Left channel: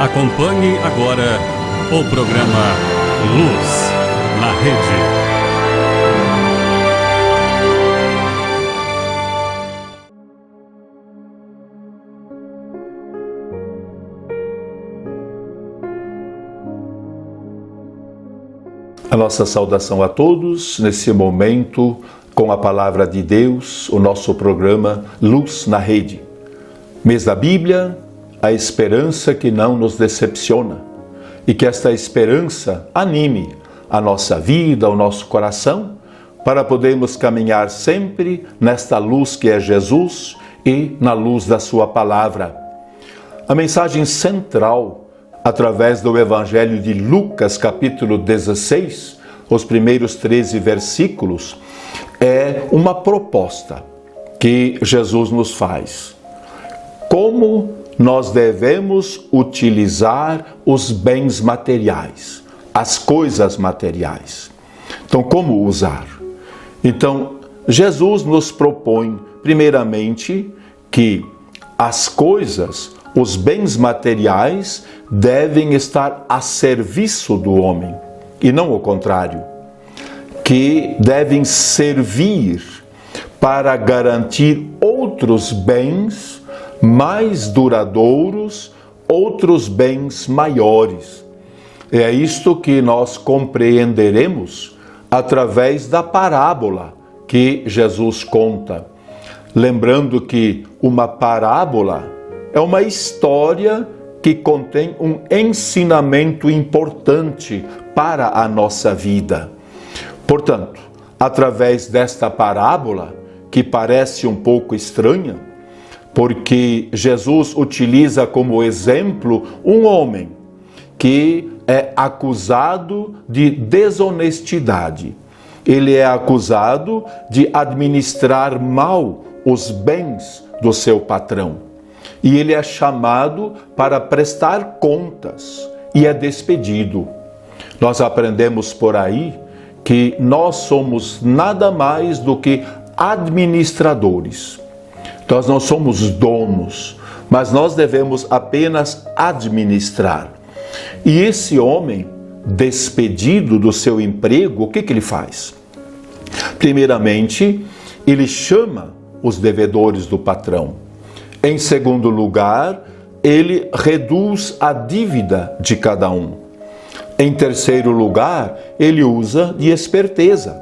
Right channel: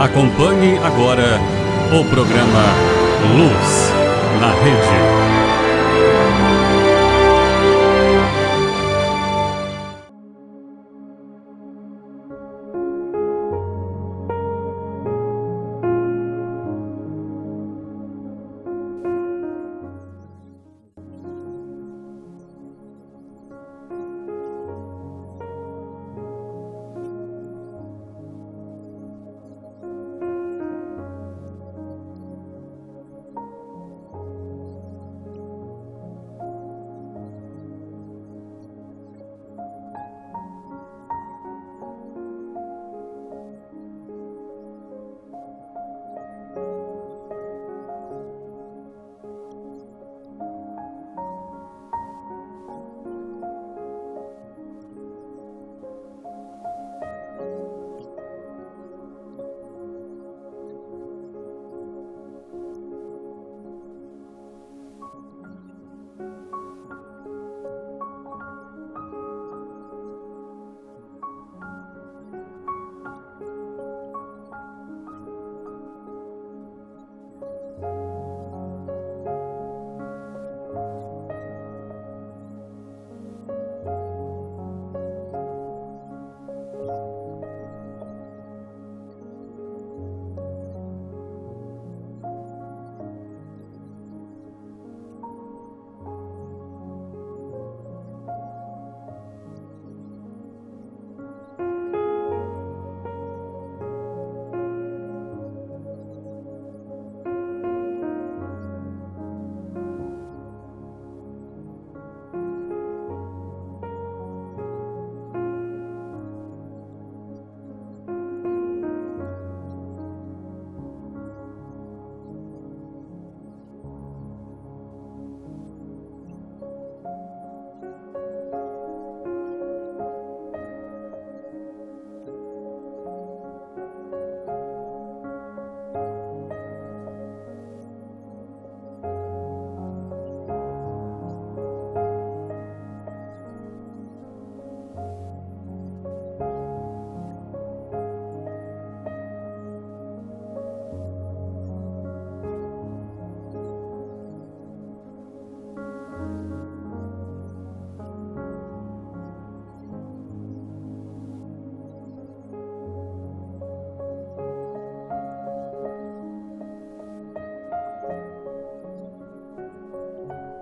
Acompanhe agora o programa Luz na Rede. A nossa saudação a todos nesse momento com a Palavra de Deus, o nosso programa Luz na Rede. Mês da Bíblia, a esperança que não nos decepciona e que esta esperança anime a nossa vida, o nosso coração, para podermos caminhar sempre nesta luz que é Jesus e na luz da sua Palavra. A mensagem central através do Evangelho de Lucas, capítulo 16, os primeiros 13 versículos, é uma proposta que Jesus nos faz. Como nós devemos utilizar os bens materiais, as coisas materiais. Então, como usar? Então, Jesus nos propõe, primeiramente, que as coisas, os bens materiais, devem estar a serviço do homem, e não o contrário, que devem servir para garantir outros bens mais duradouros, outros bens maiores. É isto que nós compreenderemos através da parábola que Jesus conta. Lembrando que uma parábola é uma história que contém um ensinamento importante para a nossa vida. Portanto, através desta parábola, que parece um pouco estranha, porque Jesus utiliza como exemplo um homem que é acusado de desonestidade. Ele é acusado de administrar mal os bens do seu patrão. E ele é chamado para prestar contas e é despedido. Nós aprendemos por aí que nós somos nada mais do que administradores. Nós não somos donos, mas nós devemos apenas administrar. E esse homem, despedido do seu emprego, o que ele faz? Primeiramente, ele chama os devedores do patrão. Em segundo lugar, ele reduz a dívida de cada um. Em terceiro lugar, ele usa de esperteza.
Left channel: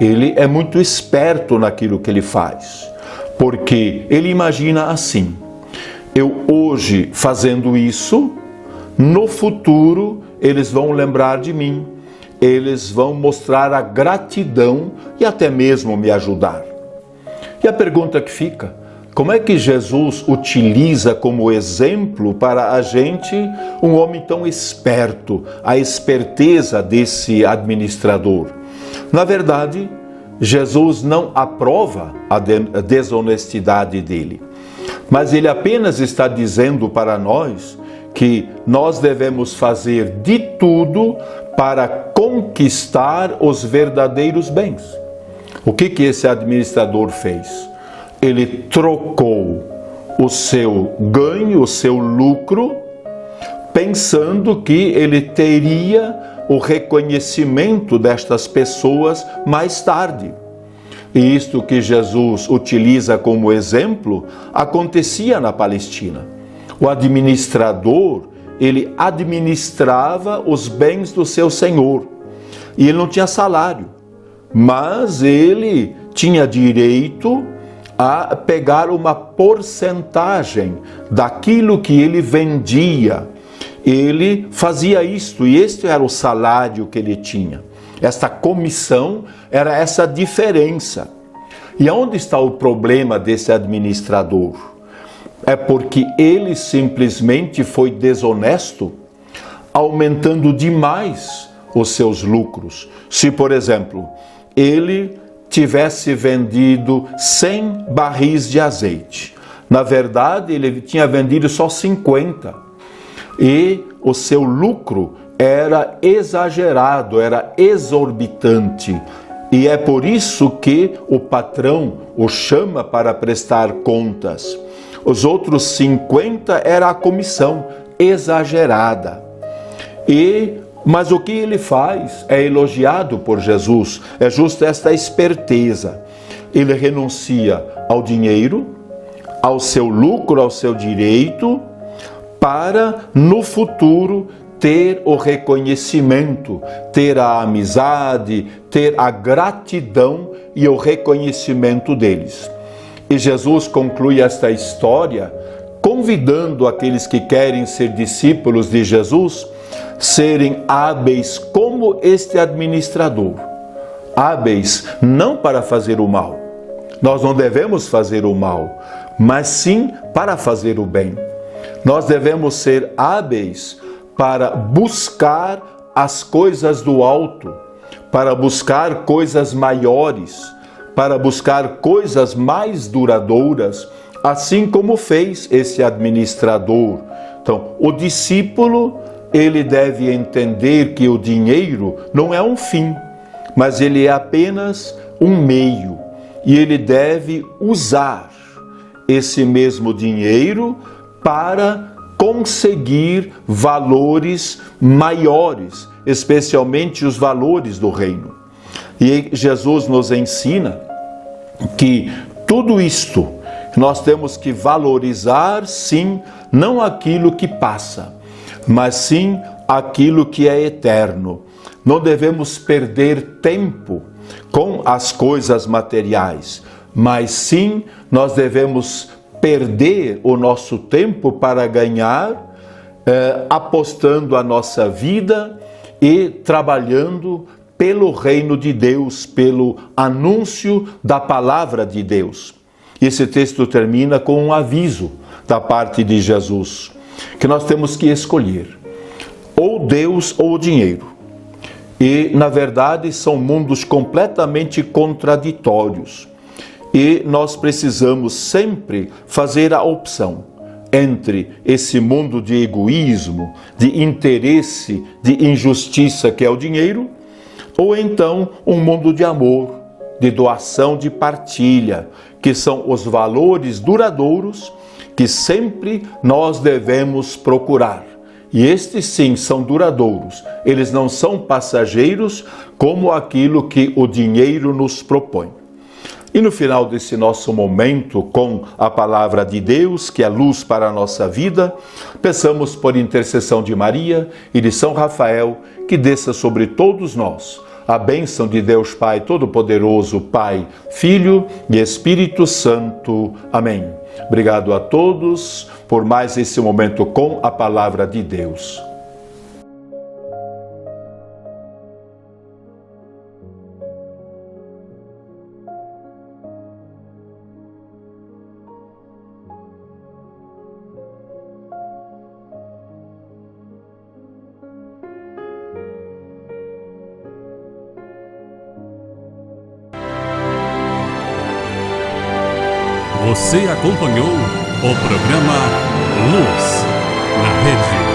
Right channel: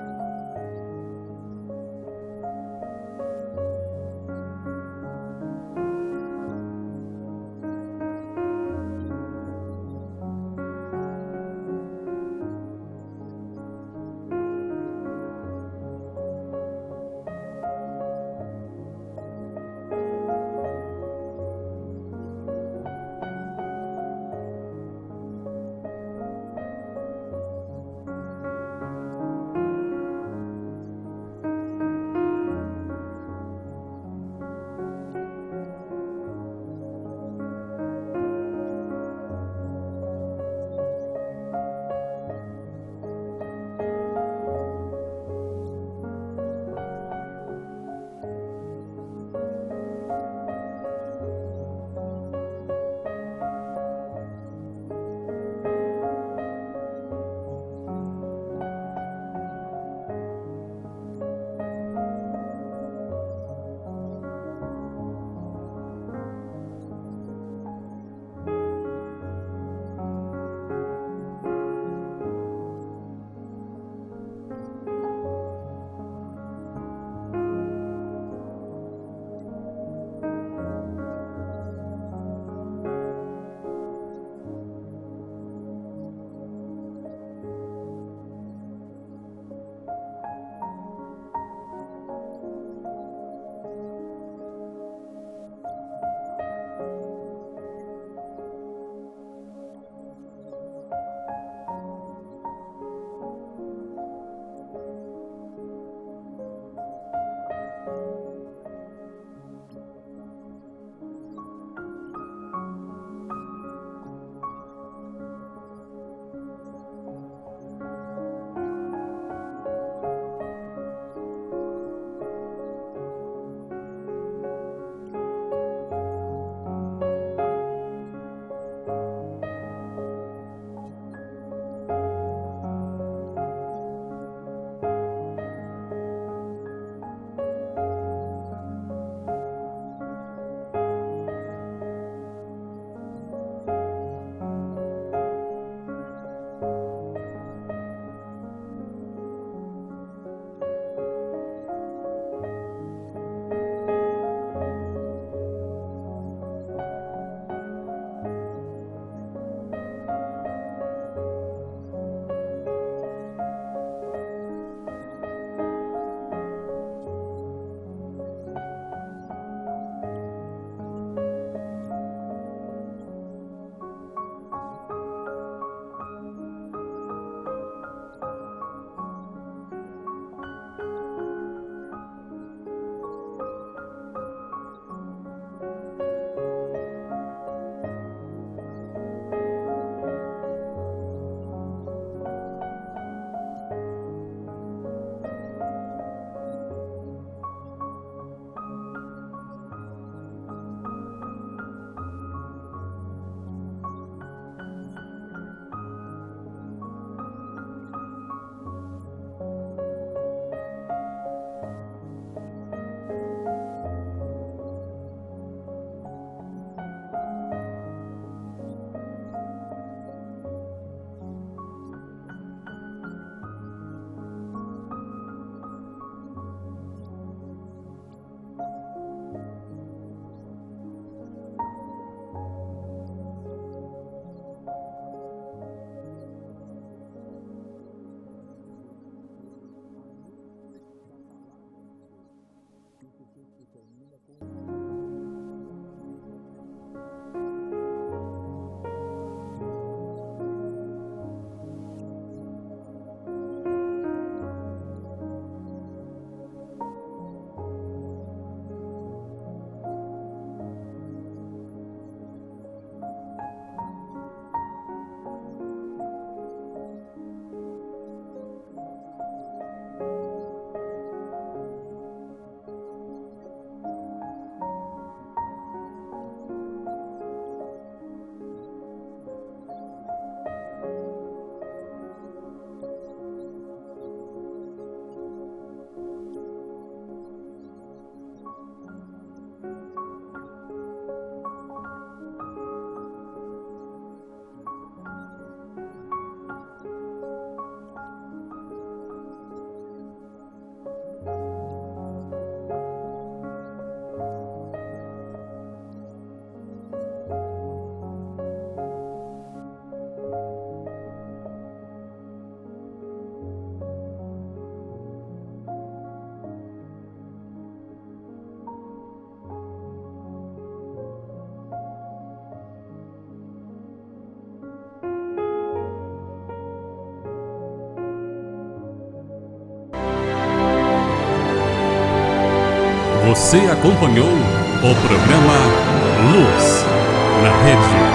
Ele é muito esperto naquilo que ele faz, porque ele imagina assim: eu hoje fazendo isso, no futuro eles vão lembrar de mim, eles vão mostrar a gratidão e até mesmo me ajudar. E a pergunta que fica: como é que Jesus utiliza como exemplo para a gente um homem tão esperto, a esperteza desse administrador? Na verdade, Jesus não aprova a desonestidade dele, mas ele apenas está dizendo para nós que nós devemos fazer de tudo para conquistar os verdadeiros bens. O que esse administrador fez? Ele trocou o seu ganho, o seu lucro, pensando que ele teria o reconhecimento destas pessoas mais tarde. E isto que Jesus utiliza como exemplo, acontecia na Palestina. O administrador, ele administrava os bens do seu senhor. E ele não tinha salário, mas ele tinha direito a pegar uma porcentagem daquilo que ele vendia. Ele fazia isto, e este era o salário que ele tinha. Esta comissão era essa diferença. E onde está o problema desse administrador? É porque ele simplesmente foi desonesto, aumentando demais os seus lucros. Se, por exemplo, ele tivesse vendido 100 barris de azeite. Na verdade, ele tinha vendido só 50. E o seu lucro era exagerado, era exorbitante. E é por isso que o patrão o chama para prestar contas. Os outros 50 era a comissão exagerada. Mas o que ele faz é elogiado por Jesus, é justo esta esperteza. Ele renuncia ao dinheiro, ao seu lucro, ao seu direito, para no futuro ter o reconhecimento, ter a amizade, ter a gratidão e o reconhecimento deles. E Jesus conclui esta história convidando aqueles que querem ser discípulos de Jesus serem hábeis como este administrador. Hábeis não para fazer o mal. Nós não devemos fazer o mal, mas sim para fazer o bem. Nós devemos ser hábeis para buscar as coisas do alto, para buscar coisas maiores, para buscar coisas mais duradouras, assim como fez esse administrador. Então, o discípulo, ele deve entender que o dinheiro não é um fim, mas ele é apenas um meio, e ele deve usar esse mesmo dinheiro para conseguir valores maiores, especialmente os valores do reino. E Jesus nos ensina que tudo isto nós temos que valorizar, sim, não aquilo que passa, mas sim aquilo que é eterno. Não devemos perder tempo com as coisas materiais, mas sim nós devemos perder o nosso tempo para ganhar, apostando a nossa vida e trabalhando pelo reino de Deus, pelo anúncio da palavra de Deus. Esse texto termina com um aviso da parte de Jesus, que nós temos que escolher ou Deus ou o dinheiro. E, na verdade, são mundos completamente contraditórios. E nós precisamos sempre fazer a opção entre esse mundo de egoísmo, de interesse, de injustiça que é o dinheiro, ou então um mundo de amor, de doação, de partilha, que são os valores duradouros que sempre nós devemos procurar. E estes sim são duradouros, eles não são passageiros como aquilo que o dinheiro nos propõe. E no final desse nosso momento com a palavra de Deus, que é luz para a nossa vida, peçamos por intercessão de Maria e de São Rafael que desça sobre todos nós a bênção de Deus Pai Todo-Poderoso, Pai, Filho e Espírito Santo. Amém. Obrigado a todos por mais esse momento com a palavra de Deus. Você acompanhou o programa Luz na Rede.